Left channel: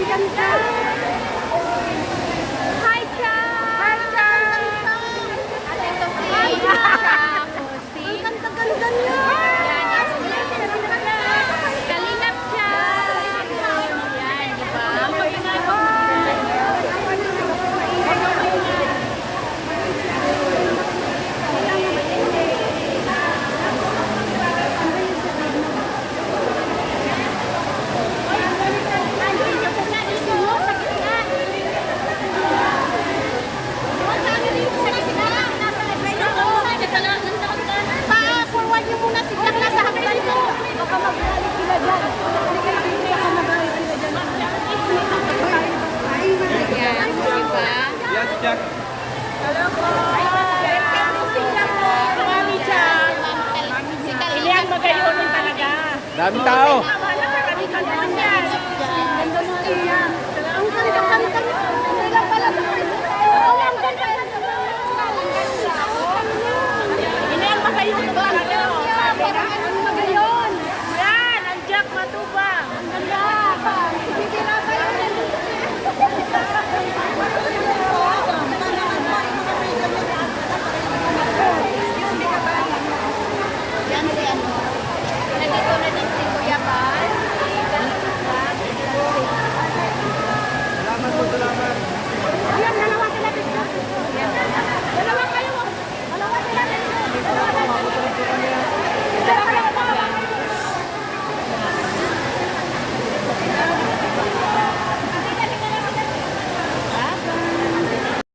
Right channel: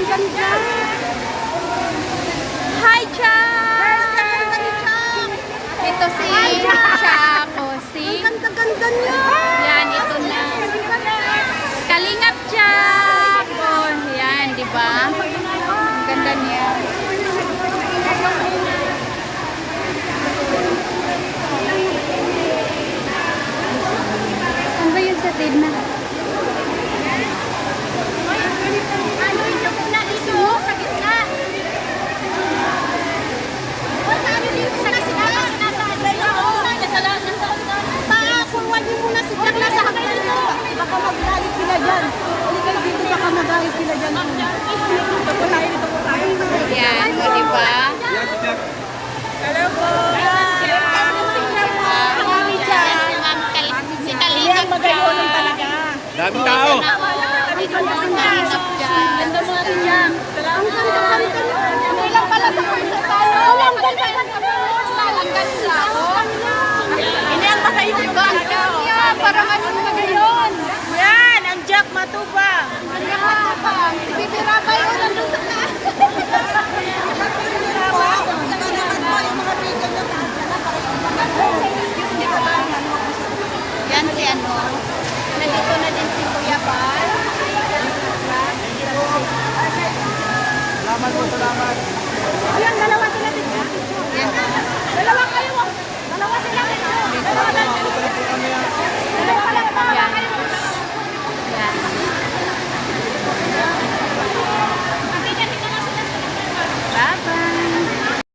ang ganda. Hi, Chang! Hi, Chang! Ito si Chapo, si... Ang ganda niya. Yan, ito na. Kalingap Chang! Yan, di ba? Ang ganda niya. Ano ba yun sa tignan? Baka magalit sila dyan. Hindi kayo dito, baka magalit sila dyan. Yan, o di ba? Hello po. Si Kalingap Magayunin talaga. Daming tao. Ganda mo rin yan. Ang ganda. Ang ilang pala sa person tayo. Ang ganda. Hindi ang magayunin talaga. Parang anong magayon? Yan, ang Jack Matubang. Ang ganda. Titira kayo nandun sa taas. Iba naman po yung mga video niyo taas na lang. Excuse me ka ba? Yan si ano. Nandito na din si Kuya ba? Salamat po, salamat. Ayan, dalawa sila dito. Dalawa kayo.